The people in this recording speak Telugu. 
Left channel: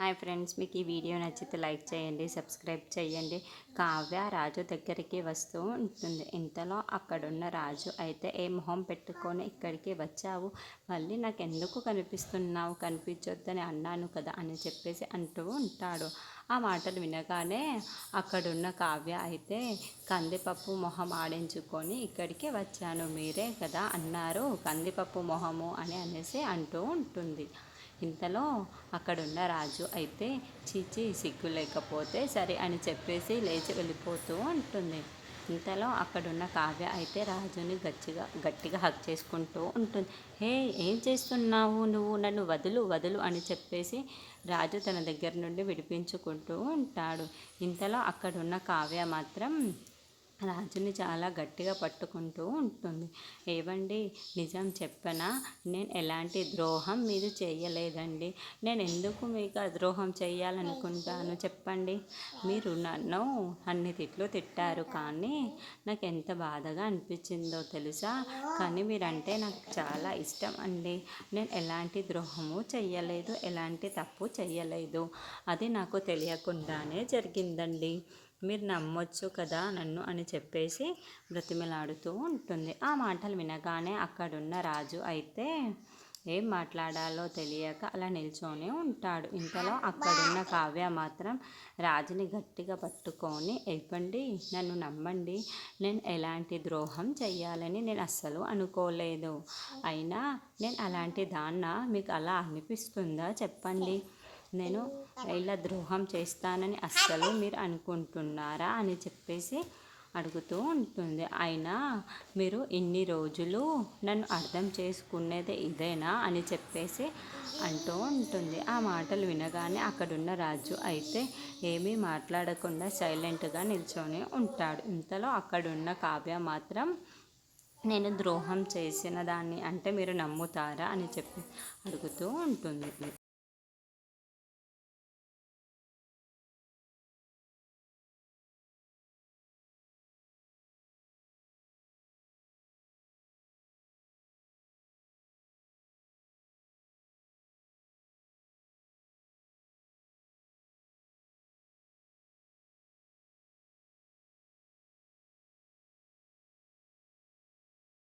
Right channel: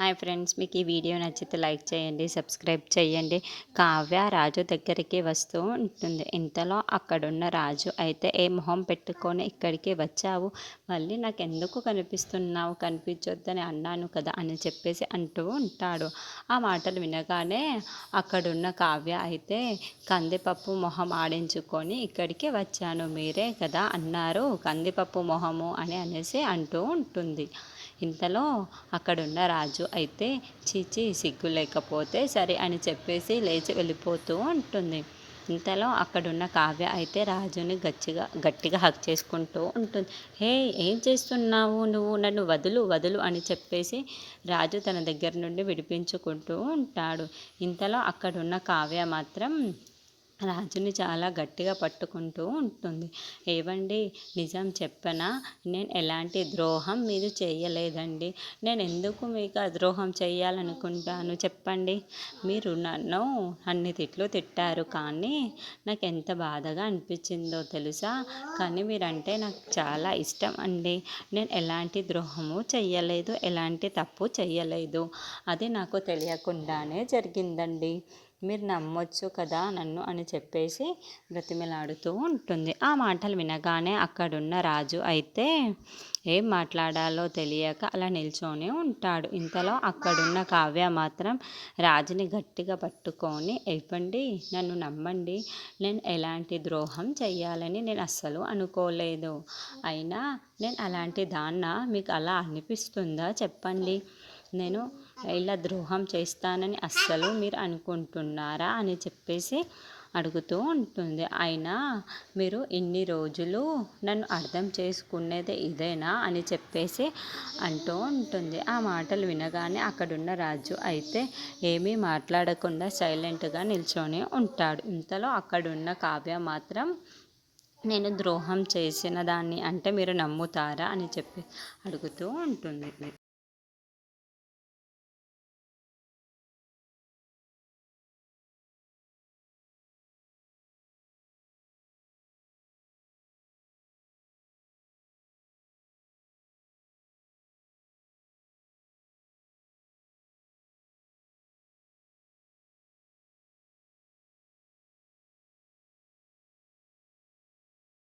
హాయ్ ఫ్రెండ్స్, మీకు ఈ వీడియో నచ్చితే లైక్ చేయండి, సబ్స్క్రైబ్ చేయండి. కావ్య రాజు దగ్గరికి వస్తూ ఉంటుంది. ఇంతలో అక్కడున్న రాజు అయితే ఏ మొహం పెట్టుకొని ఇక్కడికి వచ్చావు, మళ్ళీ నాకు ఎందుకు కనిపిస్తున్నావు, కనిపించొద్దని అన్నాను కదా అని చెప్పేసి అంటూ ఉంటాడు. ఆ మాటలు వినగానే అక్కడున్న కావ్య అయితే కందిపప్పు మొహం ఆడించుకొని ఇక్కడికి వచ్చాను, మీరే కదా అన్నారు కందిపప్పు మొహము అని అనేసి అంటూ ఉంటుంది. ఇంతలో అక్కడున్న రాజు అయితే చీచి సిగ్గు లేకపోతే సరే అని చెప్పేసి లేచి వెళ్ళిపోతూ ఉంటుంది. ఇంతలో అక్కడున్న కావ్య అయితే రాజుని గట్టిగా హక్ చేసుకుంటూ ఉంటుంది. హే, ఏం చేస్తున్నావు నువ్వు, నన్ను వదులు వదులు అని చెప్పేసి రాజు తన దగ్గర నుండి విడిపించుకుంటూ ఉంటాడు. ఇంతలో అక్కడున్న కావ్య మాత్రం రాజుని చాలా గట్టిగా పట్టుకుంటూ ఉంటుంది. ఏవండి, నిజం చెప్పనా, నేను ఎలాంటి ద్రోహం మీరు చేయలేదండి. నేను ఎందుకు మీకు ద్రోహం చేయాలనుకుంటాను చెప్పండి. మీరు నన్ను అన్ని తిట్లు తిట్టారు, కానీ నాకు ఎంత బాధగా అనిపించిందో తెలుసా. కానీ మీరంటే నాకు చాలా ఇష్టం అండి. నేను ఎలాంటి ద్రోహము చెయ్యలేదు, ఎలాంటి తప్పు చెయ్యలేదు. అది నాకు తెలియకుండానే జరిగిందండి. మీరు నమ్మొచ్చు కదా నన్ను అని చెప్పేసి బ్రతిమలాడుతూ ఉంటుంది. ఆ మాటలు వినగానే అక్కడున్న రాజు అయితే ఏం మాట్లాడాలో తెలియక అలా నిల్చొని ఉంటాడు. ఇంతలో అక్కడున్న కావ్య మాత్రం రాజుని గట్టిగా పట్టుకొని, ఇవ్వండి, నన్ను నమ్మండి, నేను ఎలాంటి ద్రోహం చెయ్యాలని నేను అస్సలు అనుకోలేదు. అయినా నేను అలాంటి దాన్న మీకు అలా అనిపిస్తుందా చెప్పండి. నేను ఇలా ద్రోహం చేస్తానని అస్సలు మీరు అనుకుంటున్నారా అని చెప్పేసి అడుగుతూ ఉంటుంది. అయినా మీరు ఇన్ని రోజులు నన్ను అర్థం చేసుకునేది ఇదేనా అని చెప్పేసి అంటూ ఉంటుంది. ఆ మాటలు వినగానే అక్కడున్న రాజు అయితే ఏమీ మాట్లాడకుండా సైలెంట్గా నిల్చొని ఉంటాడు. ఇంతలో అక్కడున్న కావ్య మాత్రం నేను ద్రోహం చేసిన దాన్ని అంటే మీరు నమ్ముతారా అని చెప్పి అడుగుతూ ఉంటుంది.